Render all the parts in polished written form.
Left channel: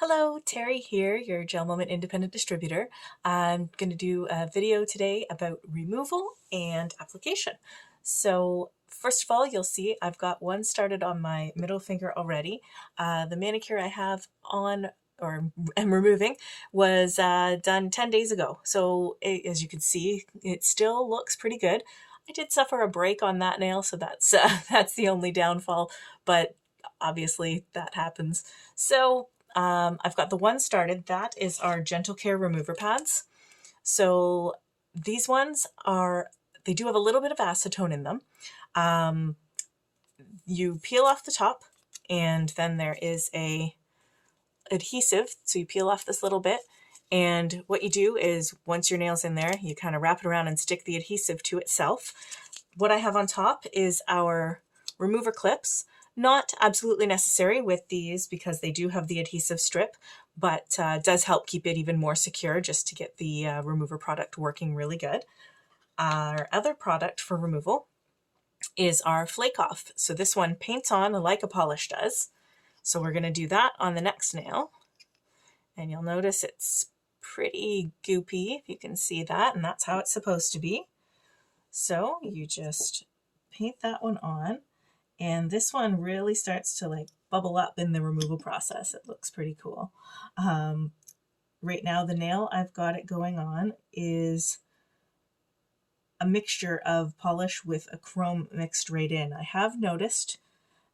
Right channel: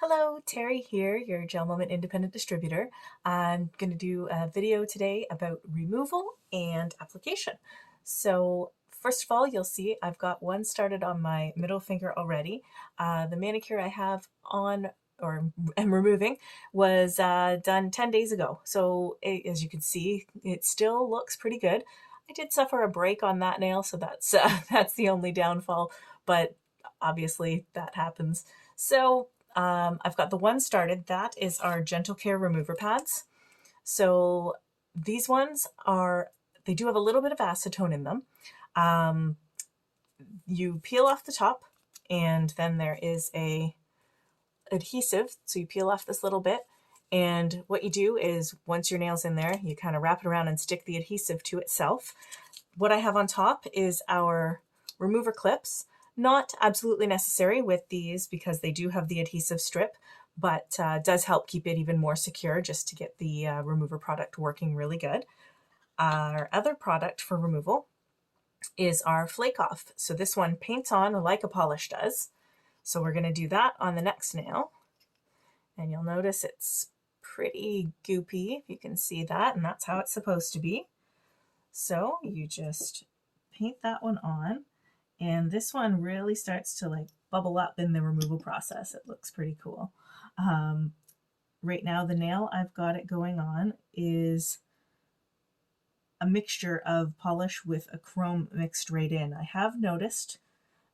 Hello, Terry here, your GelMoment Independent Distributor. I'm going to do a video today about removal and application. So first of all, you'll see I've got one started on my middle finger already. The manicure I have on or am removing was done 10 days ago. So as you can see, it still looks pretty good. I did suffer a break on that nail, so that's the only downfall, but obviously that happens. So I've got the one started. That is our Gentle Care remover pads. So these ones they do have a little bit of acetone in them. You peel off the top, and then there is a adhesive. So you peel off this little bit, and what you do is once your nail's in there, you kind of wrap it around and stick the adhesive to itself. What I have on top is our remover clips. Not absolutely necessary with these because they do have the adhesive strip, but does help keep it even more secure just to get the remover product working really good. Our other product for removal is our flake off. So this one paints on like a polish does. So we're going to do that on the next nail. And you'll notice it's pretty goopy, if you can see that, and that's how it's supposed to be. So you just paint that one on. And this one really starts to like bubble up in the removal process. It looks pretty cool. Right now, the nail I've got it going on is a mixture of polish with a chrome mixed right in. I have noticed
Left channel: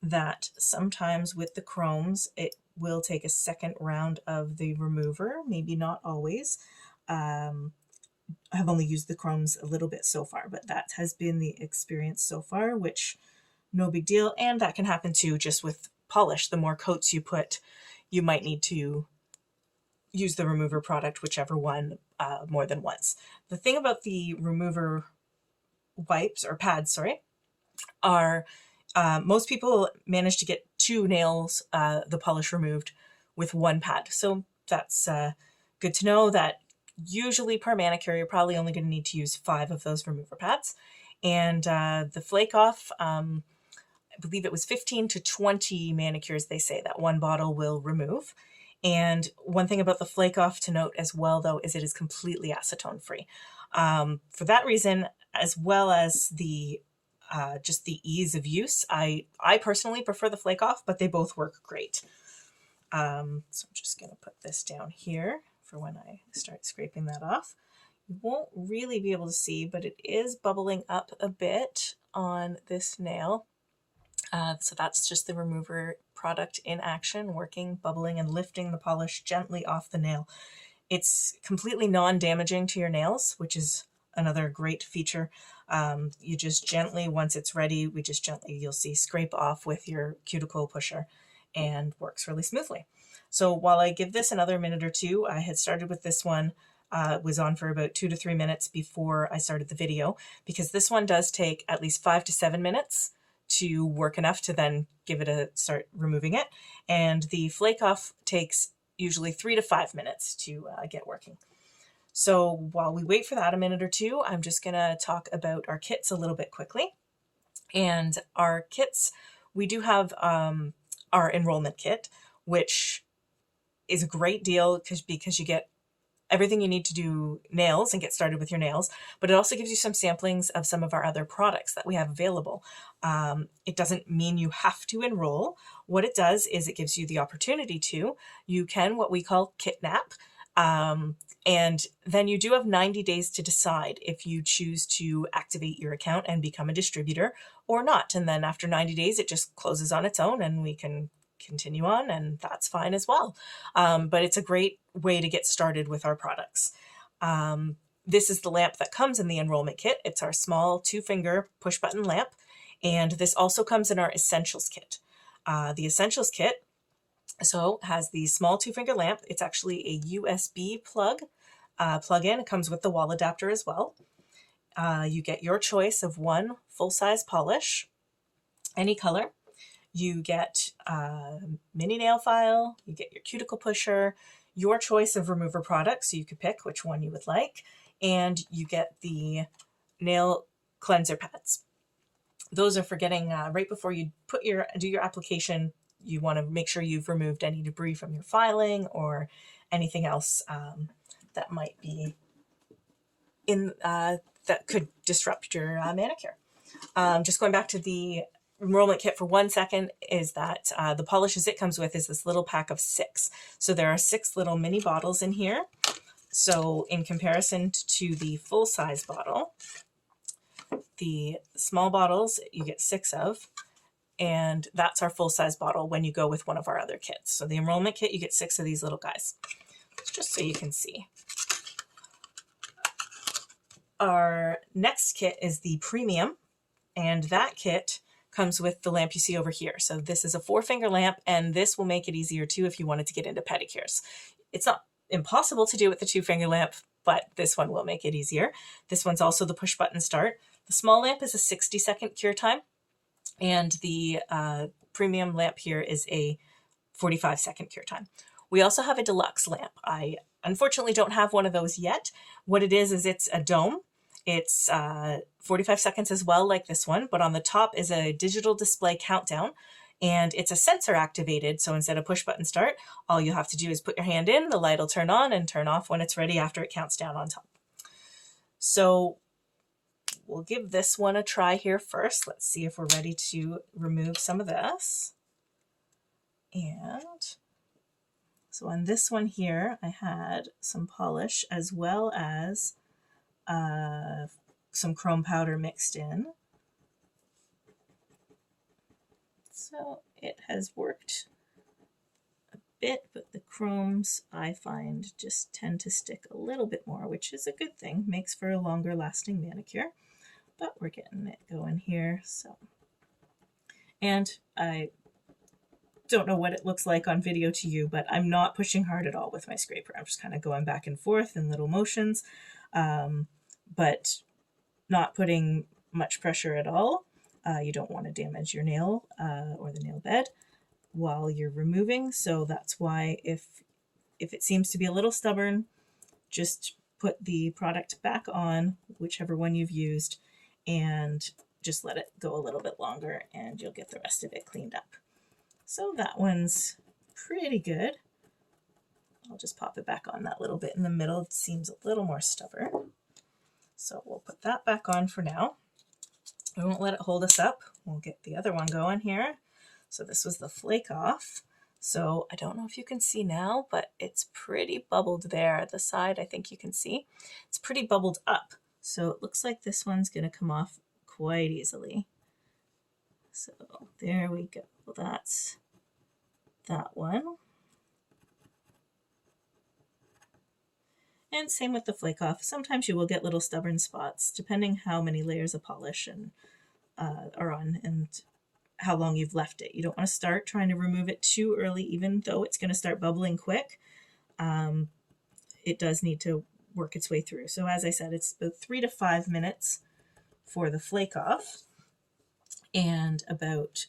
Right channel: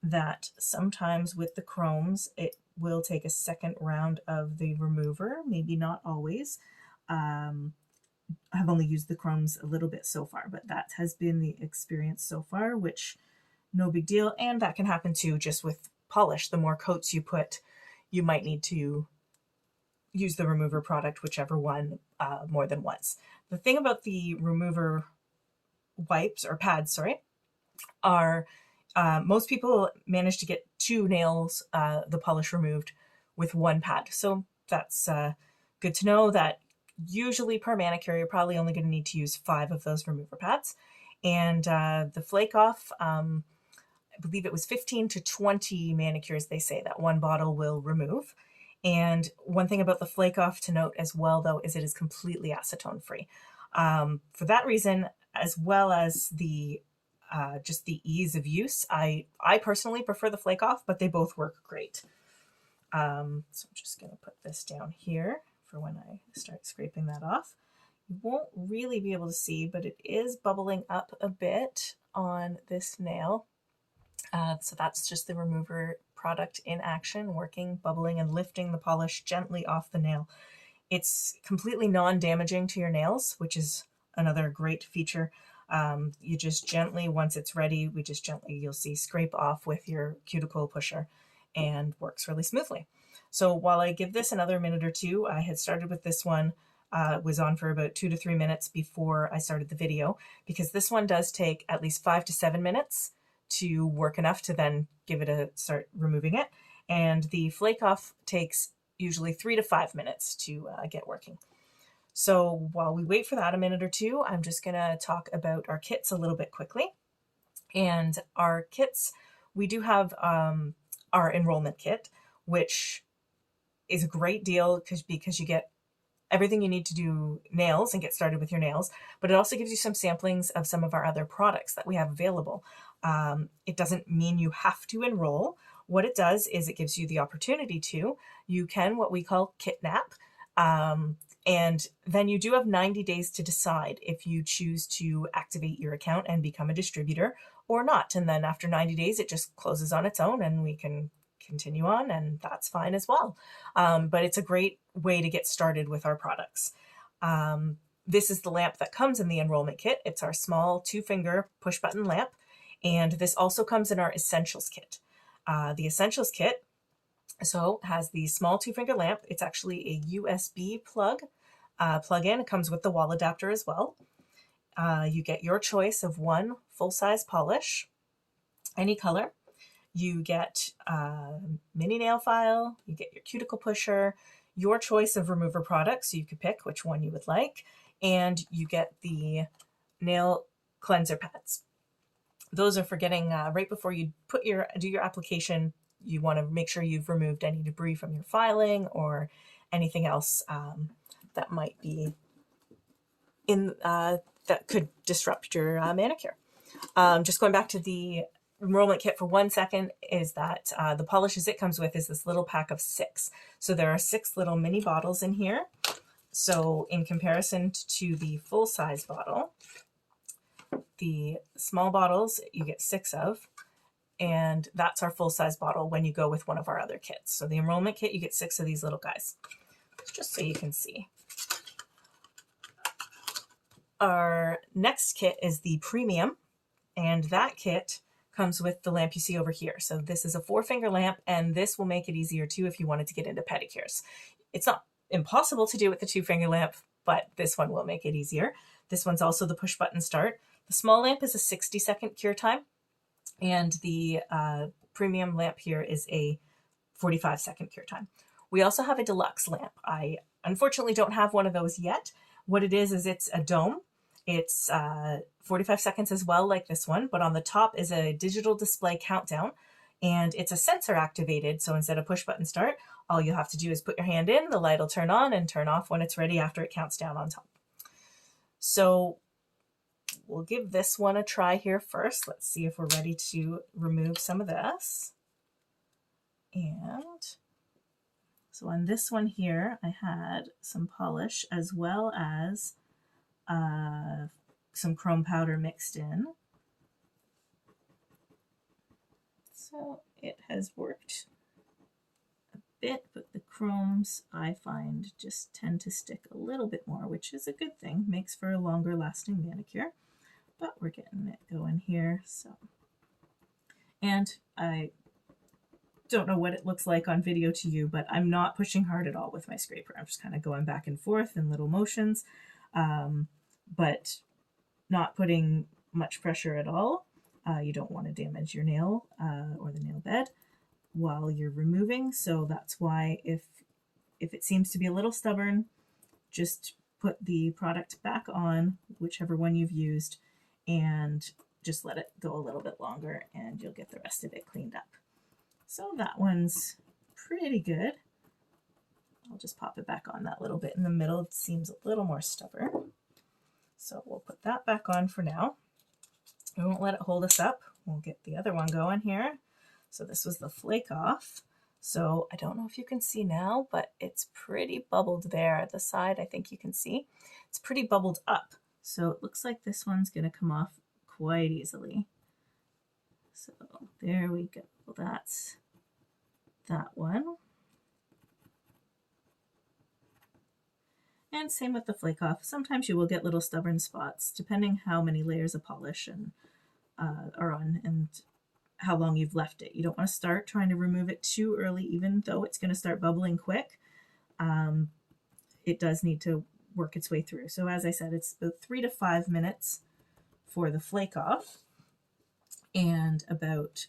that sometimes with the chromes, it will take a second round of the remover, maybe not always. I've only used the chromes a little bit so far, but that has been the experience so far, which no big deal. And that can happen too just with polish. The more coats you put, you might need to use the remover product, whichever one, more than once. The thing about the remover wipes or pads, sorry, are most people manage to get two nails, the polish removed with one pad. So that's good to know that usually per manicure, you're probably only going to need to use 5 of those remover pads. And the flake off, I believe it was 15 to 20 manicures they say that one bottle will remove. And one thing about the flake off to note as well, though, is it is completely acetone free. For that reason, as well as the just the ease of use, I personally prefer the flake off, but they both work great. So I'm just going to put this down here for when I start scraping that off. You won't really be able to see, but it is bubbling up a bit on this nail. So that's just the remover product in action, working, bubbling, and lifting the polish gently off the nail. It's completely non-damaging to your nails, which is another great feature. You just gently, once it's ready, you'll see, scrape off with your cuticle pusher and works really smoothly. So while I give this another minute or two, I had started with this one, was on for about 2 to 3 minutes before I started the video, because this one does take at least 5 to 7 minutes to work enough to then give it a start removing it. And the flake off takes usually 3 to 5 minutes to get working. So while we wait for that a minute or two, I'm just going to talk about our kits a little bit quickly. And our kits, we do have our enrollment kit, which is a great deal because you get everything you need to do nails and get started with your nails, but it also gives you some samplings of some of our other products that we have available. It doesn't mean you have to enroll. What it does is it gives you the opportunity to. You can what we call kitnap, and then you do have 90 days to decide if you choose to activate your account and become a distributor or not. And then after 90 days, it just closes on its own and we can continue on, and that's fine as well. But it's a great way to get started with our products. This is the lamp that comes in the enrollment kit. It's our small 2-finger push button lamp, and this also comes in our essentials kit. The essentials kit has the small 2-finger lamp. It's actually a USB plug-in. It comes with the wall adapter as well. You get your choice of one full-size polish, any color. You get a mini nail file, you get your cuticle pusher, your choice of remover products, so you could pick which one you would like, and you get the nail cleanser pads. Those are for getting right before you do your application. you want to make sure you've removed any debris from your filing or anything else that might be in that could disrupt your manicure. Just going back to the enrollment kit for 1 second, is that the polishes it comes with is this little pack of 6. So there are 6 little mini bottles in here. So in comparison to the full-size bottle, the small bottles you get 6 of, and that's our full-size bottle when you go with one of our other kits. So the enrollment kit, you get 6 of these little guys, just so you can see. Our next kit is the premium, and that kit comes with the lamp you see over here. So this is a 4-finger lamp, and this will make it easier too if you wanted to get into pedicures. It's not impossible to do with the 2-finger lamp, but this one will make it easier. This one's also the push button start. The small lamp is a 60-second cure time, and the premium lamp here is a 45-second cure time. We also have a deluxe lamp. I unfortunately don't have one of those yet. What it is it's a dome. It's 45 seconds as well, like this one, but on the top is a digital display countdown, and it's a sensor activated. So instead of push button start, all you have to do is put your hand in, the light will turn on and turn off when it's ready after it counts down on top. So we'll give this one a try here first. Let's see if we're ready to remove some of this. And so on this one here, I had some polish as well as some chrome powder mixed in. So it has worked a bit, but the chromes I find just tend to stick a little bit more, which is a good thing, makes for a longer lasting manicure. But we're getting it going here. So, and I don't know what it looks like on video to you, but I'm not pushing hard at all with my scraper. I'm just kind of going back and forth in little motions, but not putting much pressure at all. You don't want to damage your nail or the nail bed while you're removing. So that's why if it seems to be a little stubborn, just put the product back on, whichever one you've used, and just let it go a little bit longer and you'll get the rest of it cleaned up. So that one's pretty good. I'll just pop it back on that little bit in the middle. It seems a little more stubborn. So we'll put that back on for now. We won't let it hold us up. We'll get the other one going here. So this was the flake off. So I don't know if you can see now, but it's pretty bubbled there at the side. I think you can see. It's pretty bubbled up. So it looks like this one's going to come off quite easily. So there we go. That's that one. And same with the flake off. Sometimes you will get little stubborn spots depending how many layers of polish and are on and how long you've left it. You don't want to start trying to remove it too early, even though it's going to start bubbling quick. It does need to work its way through. So as I said, it's about 3 to 5 minutes for the flake off and about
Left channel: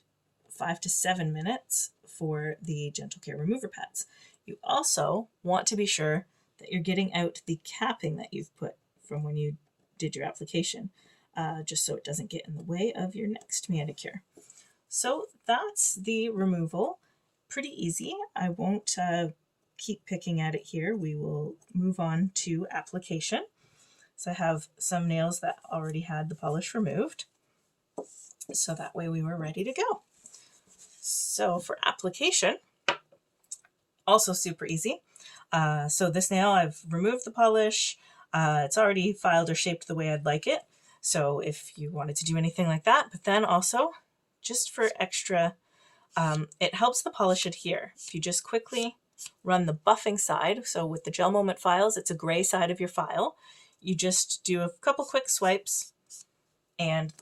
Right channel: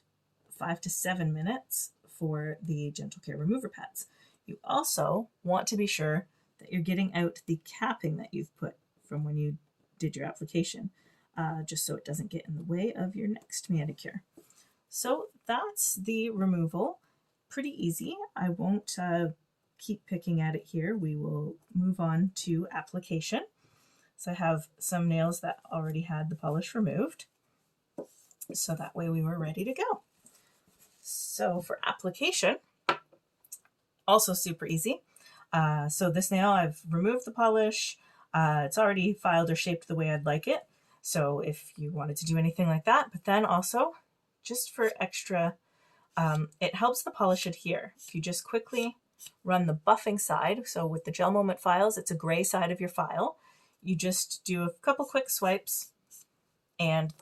5 to 7 minutes for the Gentle Care remover pads. You also want to be sure that you're getting out the capping that you've put from when you did your application, just so it doesn't get in the way of your next manicure. So that's the removal. Pretty easy. I won't keep picking at it here. We will move on to application. So I have some nails that already had the polish removed. So that way we were ready to go. So for application, also super easy. So this nail, I've removed the polish. It's already filed or shaped the way I'd like it. So if you wanted to do anything like that, but then also just for extra, it helps the polish adhere. If you just quickly run the buffing side, so with the GelMoment files, it's a gray side of your file. You just do a couple quick swipes and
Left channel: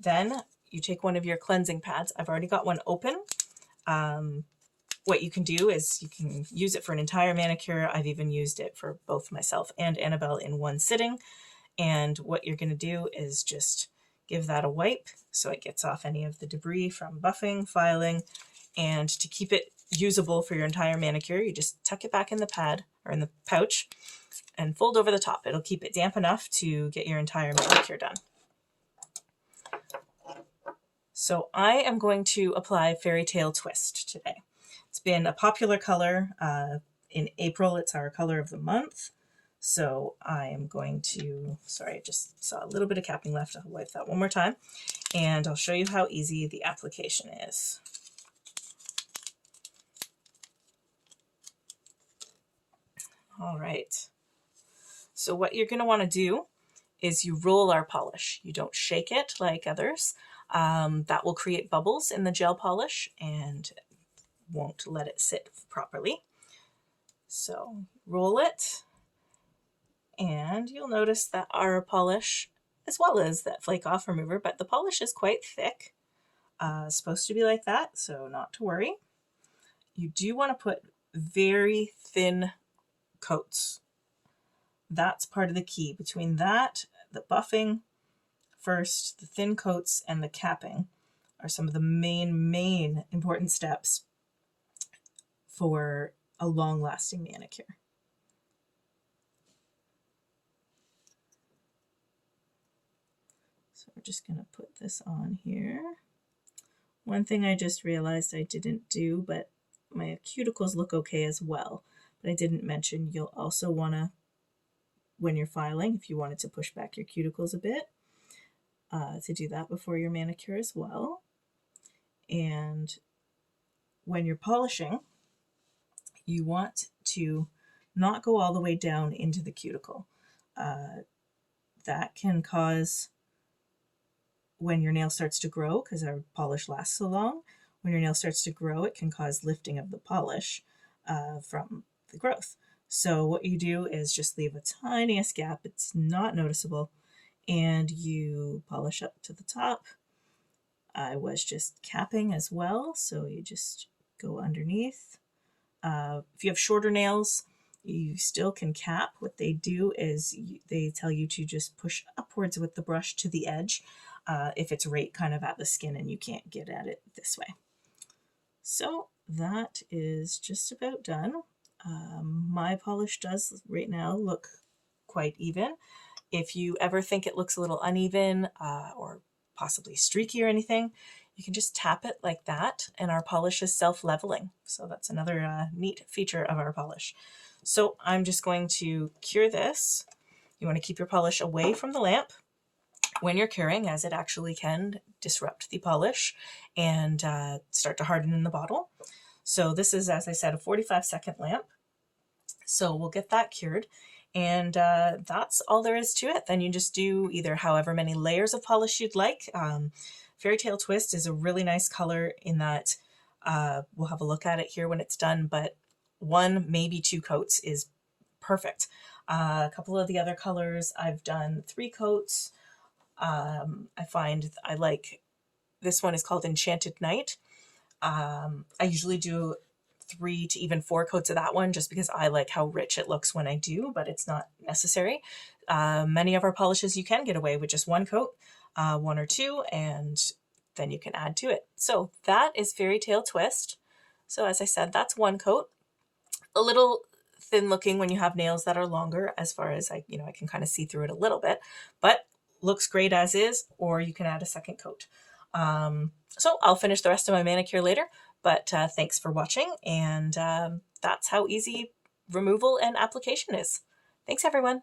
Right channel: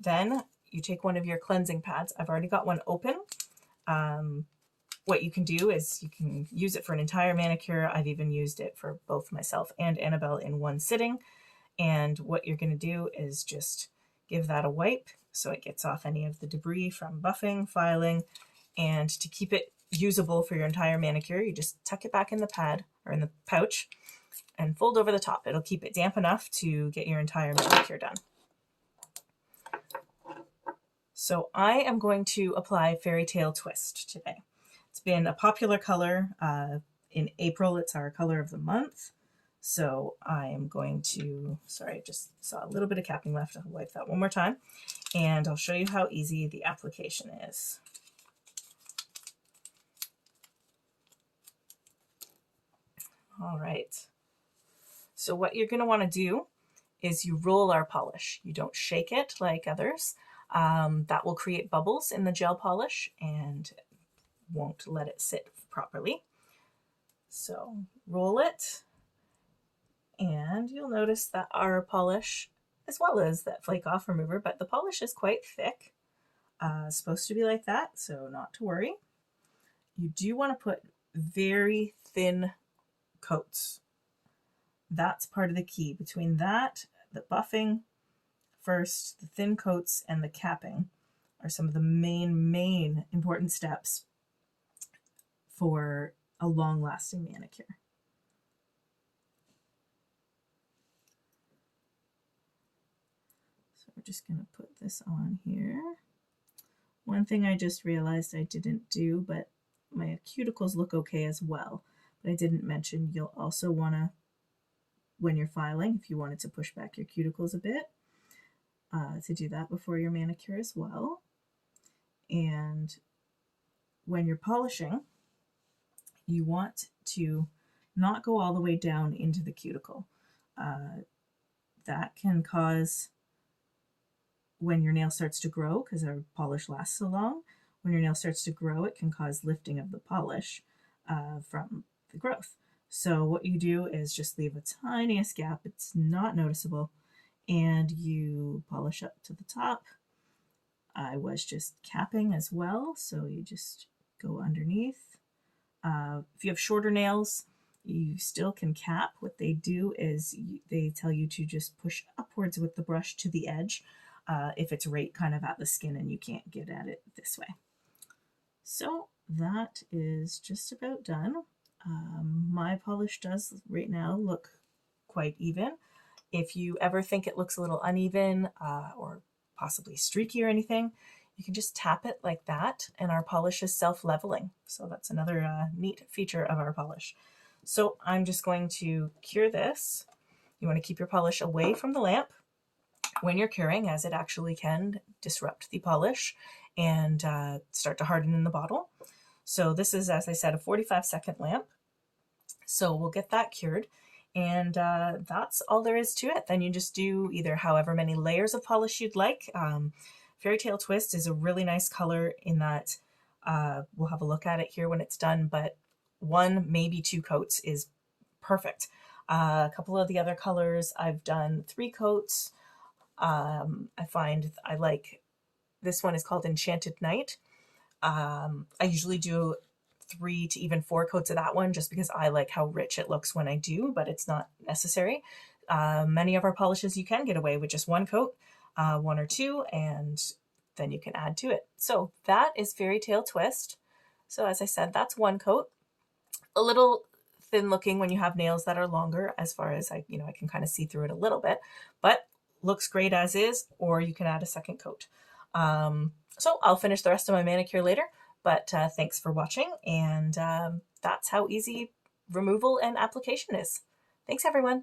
then you take one of your cleansing pads. I've already got one open. What you can do is you can use it for an entire manicure. I've even used it for both myself and Annabelle in one sitting. And what you're going to do is just give that a wipe so it gets off any of the debris from buffing, filing, and to keep it usable for your entire manicure, you just tuck it back in the pad or in the pouch and fold over the top. It'll keep it damp enough to get your entire manicure done. So I am going to apply Fairy Tale Twist today. It's been a popular color. In April, it's our color of the month. So I am going to, sorry, I just saw a little bit of capping left. I'll wipe that one more time. And I'll show you how easy the application is. All right. So what you're going to want to do is you roll our polish. You don't shake it like others. That will create bubbles in the gel polish and won't let it sit properly. So roll it, and you'll notice that our polish, as well as that flake off remover, but the polish is quite thick. It's supposed to be like that, so not to worry. You do want to put very thin coats. That's part of the key. Between that, the buffing first, the thin coats, and the capping are some of the main important steps for a long-lasting manicure. So we're just going to put this on here. One thing I just realized I didn't do, but my cuticles look okay as well, but I didn't mention you'll also want to, when you're filing, if you wanted to push back your cuticles a bit, to do that before your manicure as well. And when you're polishing, you want to not go all the way down into the cuticle. That can cause, when your nail starts to grow, because our polish lasts so long, when your nail starts to grow, it can cause lifting of the polish from the growth. So what you do is just leave a tiniest gap. It's not noticeable. And you polish up to the top. I was just capping as well, so you just go underneath. If you have shorter nails, you still can cap. What they do is they tell you to just push upwards with the brush to the edge if it's right kind of at the skin and you can't get at it this way. So that is just about done. My polish does right now look quite even. If you ever think it looks a little uneven or possibly streaky or anything, you can just tap it like that, and our polish is self-leveling. So that's another neat feature of our polish. So I'm just going to cure this. You want to keep your polish away from the lamp when you're curing, as it actually can disrupt the polish and start to harden in the bottle. So this is, as I said, a 45-second lamp. So we'll get that cured. And that's all there is to it. Then you just do either however many layers of polish you'd like. Fairy Tale Twist is a really nice color in that we'll have a look at it here when it's done, but 1, maybe 2 coats is perfect. A couple of the other colors, I've done 3 coats. I find I like, this one is called Enchanted Night. I usually do 3 to even 4 coats of that one just because I like how rich it looks when I do, but it's not necessary. Many of our polishes you can get away with just 1 coat, 1 or 2, and then you can add to it. So that is Fairy Tale Twist. So as I said, that's 1 coat. A little thin looking when you have nails that are longer, as far as I can kind of see through it a little bit, but looks great as is, or you can add a 2nd coat. So I'll finish the rest of my manicure later. But thanks for watching, and that's how easy removal and application is. Thanks, everyone.